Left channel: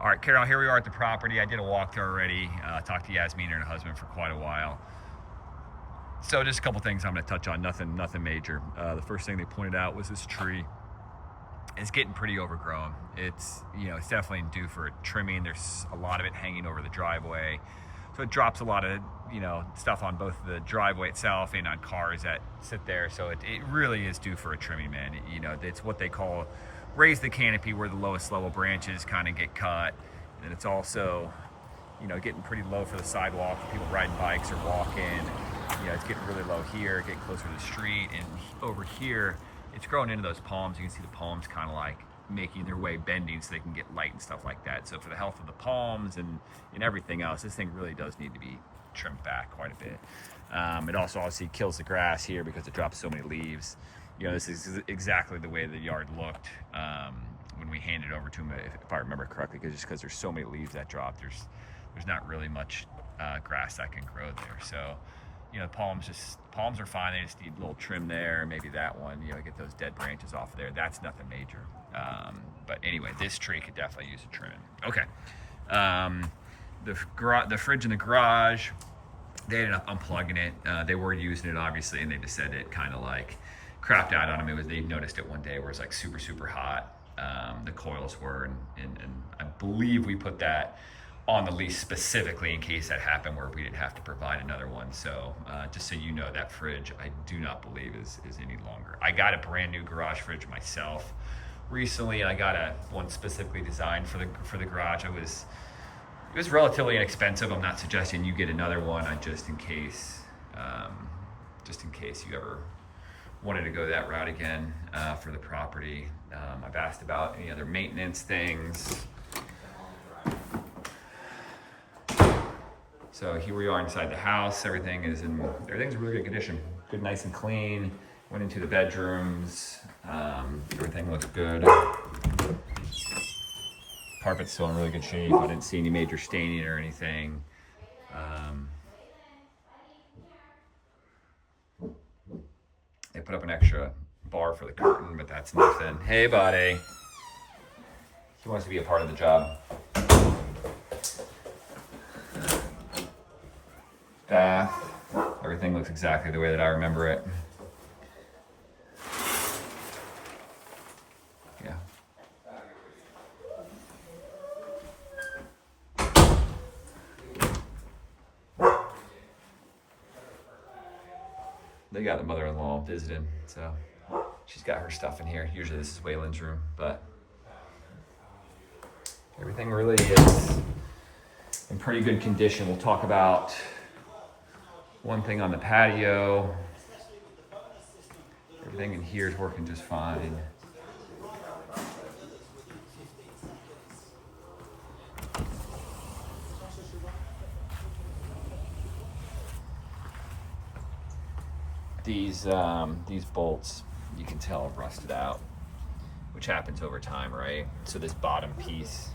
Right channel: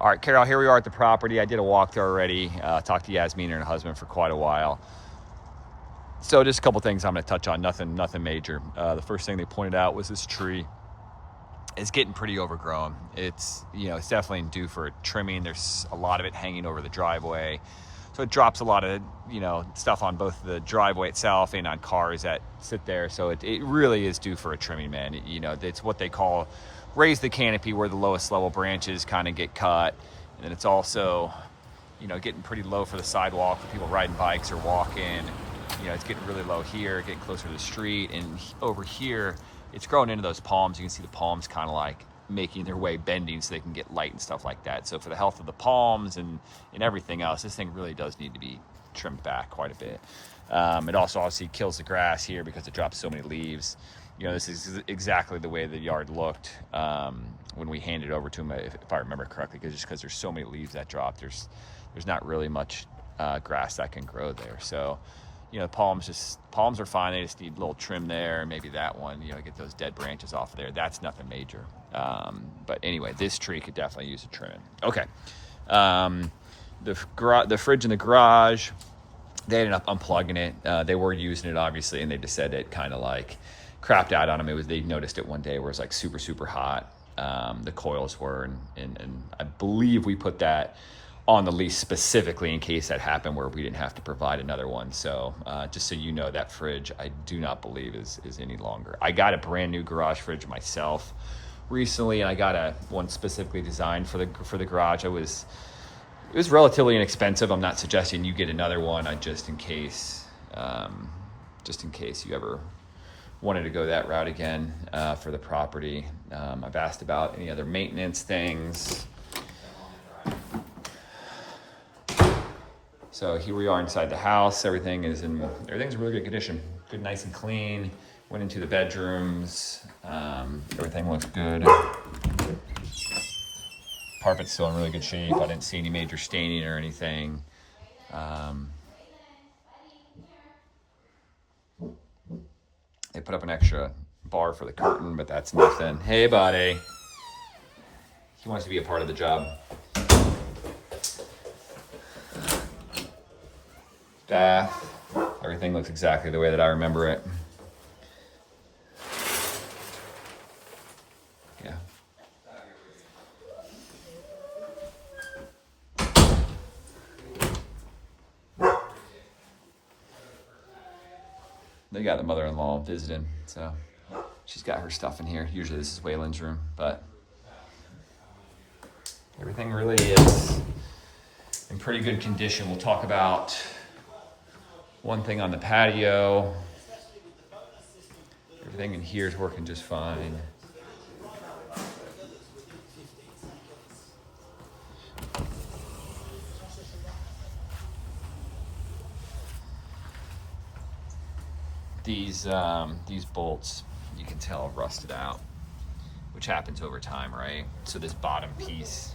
All right, Carol, here we are at the property. I did a walkthrough already. Talked to Yasmin and her husband for quite a while. So just a couple things I'm going to touch on. Nothing major. The first thing they pointed out was this tree is getting pretty overgrown. It's it's definitely due for trimming. There's a lot of it hanging over the driveway, so it drops a lot of stuff on both the driveway itself and on cars that sit there. So it really is due for a trimming, man. It's what they call raise the canopy, where the lowest level branches kind of get cut, and then it's also getting pretty low for the sidewalk for people riding bikes or walking. It's getting really low here, getting closer to the street, and over here it's growing into those palms. You can see the palms kind of like making their way, bending so they can get light and stuff like that. So for the health of the palms and everything else, this thing really does need to be trimmed back quite a bit. It also obviously kills the grass here because it drops so many leaves. This is exactly the way the yard looked when we handed it over to him, if I remember correctly, because there's so many leaves that drop, there's not really much grass that can grow there. So palms are fine. They just need a little trim there, maybe that one, get those dead branches off of there. That's nothing major. But anyway, this tree could definitely use a trim. Okay. The fridge in the garage, they ended up unplugging it. They were using it obviously, and they just said it kind of like crapped out on them. They noticed it one day where it's like super, super hot. The coils were, and I believe we put that on the lease specifically in case that happened where we didn't have to provide another one. So just so you know, that fridge I do not believe is any longer. I got a brand new garage fridge myself recently, and I got one specifically designed for the garage. It was relatively inexpensive. I'm not suggesting you get another one. Just in case you ever wanted to go that route again for the property. I've asked about any other maintenance things. So here we are inside the house. Everything's in really good condition. Good, nice and clean. Went into the bedrooms. Everything looks good. Carpet's still in really good shape. I didn't see any major staining or anything. They put up an extra bar for the curtain, but that's nothing. Hey, buddy. He wants to be a part of the job. Bath. Everything looks exactly the way that I remember it. Yeah. They got the mother-in-law visiting, so she's got her stuff in here. Usually this is Waylon's room, but everything really is in pretty good condition. We'll talk about one thing on the patio. Everything in here is working just fine. These bolts, you can tell, have rusted out, which happens over time, right? So this bottom piece,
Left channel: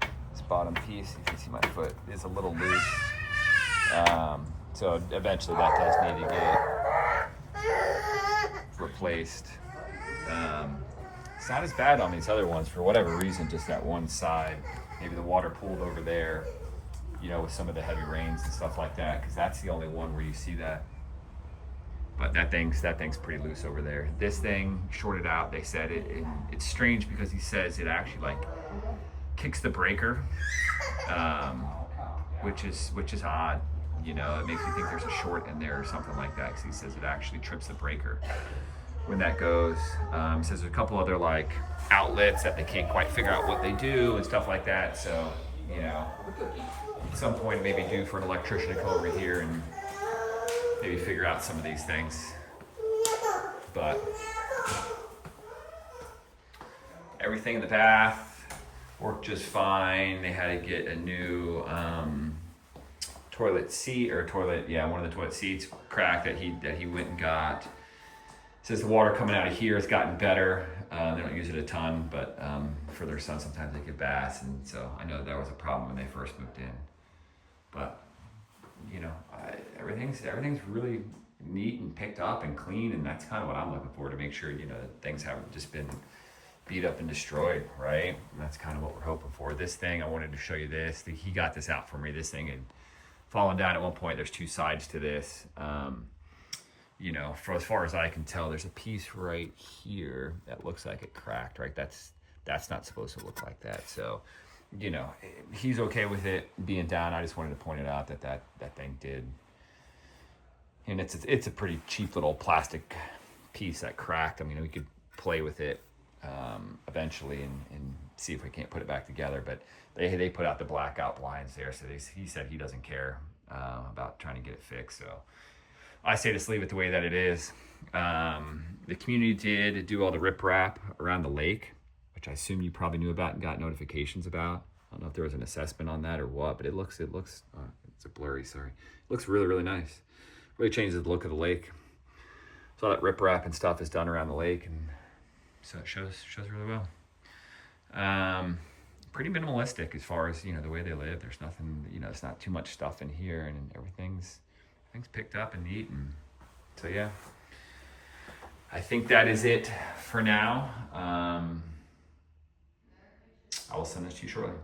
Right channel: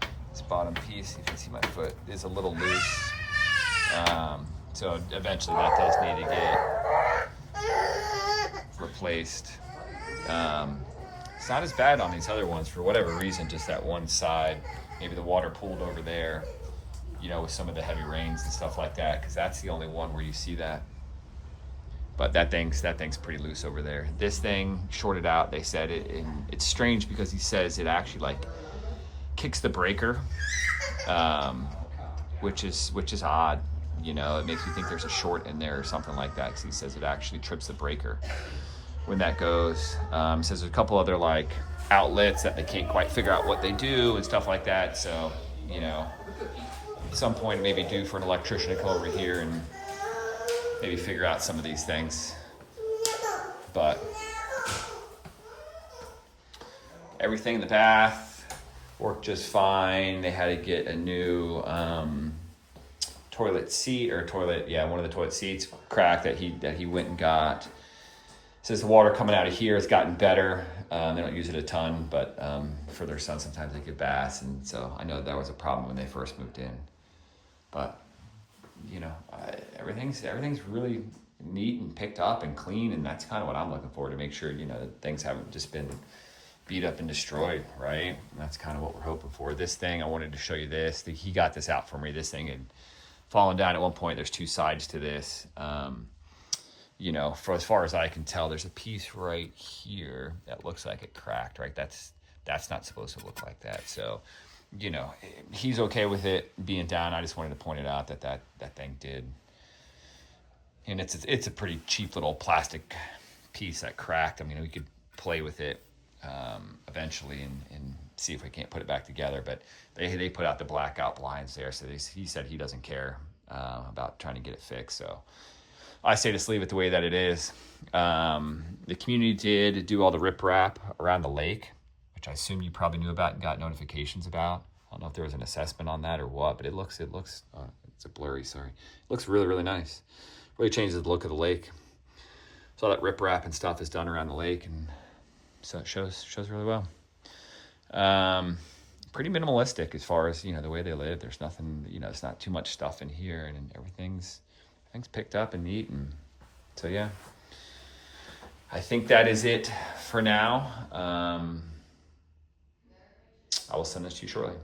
if you see my foot, is a little loose. So eventually that does need to get replaced. It's not as bad on these other ones for whatever reason, just that one side. Maybe the water pooled over there, with some of the heavy rains and stuff like that, because that's the only one where you see that. But that thing's pretty loose over there. This thing shorted out. They said and it's strange because he says it actually like kicks the breaker, which is odd. It makes me think there's a short in there or something like that, because he says it actually trips the breaker when that goes. Says there's a couple other like outlets that they can't quite figure out what they do and stuff like that. So at some point maybe due for an electrician to come over here and maybe figure out some of these things. But everything in the bath worked just fine. They had to get a new toilet seat, or one of the toilet seats cracked that he went and got. Says the water coming out of here has gotten better. They don't use it a ton, but for their son sometimes they get baths, and so I know that was a problem when they first moved in. But everything's really neat and picked up and clean, and that's kind of what I'm looking for, to make sure things haven't just been beat up and destroyed, right? And that's kind of what we're hoping for. This thing, I wanted to show you this. He got this out for me. This thing had fallen down at one point. There's two sides to this. You know, for as far as I can tell, there's a piece right here that looks like it cracked, right? That's not supposed to look like that. So, you know, he's okay with it being down. I just wanted to point it out that thing did. And it's a pretty cheap little plastic piece that cracked. I mean, we could play with it eventually and see if we can't put it back together. But they put out the blackout blinds there, so he said he doesn't care about trying to get it fixed. So I say just leave it the way that it is. The community did do all the riprap around the lake, which I assume you probably knew about and got notifications about. I don't know if there was an assessment on that or what, but it looks it's a blurry, sorry. It looks really, really nice. Really changes the look of the lake. So all that riprap and stuff is done around the lake, and so it shows really well. Pretty minimalistic as far as, you know, the way they live. There's nothing, you know, there's not too much stuff in here, and everything's picked up and neat. And so yeah, I think that is it for now. I will send this to you shortly.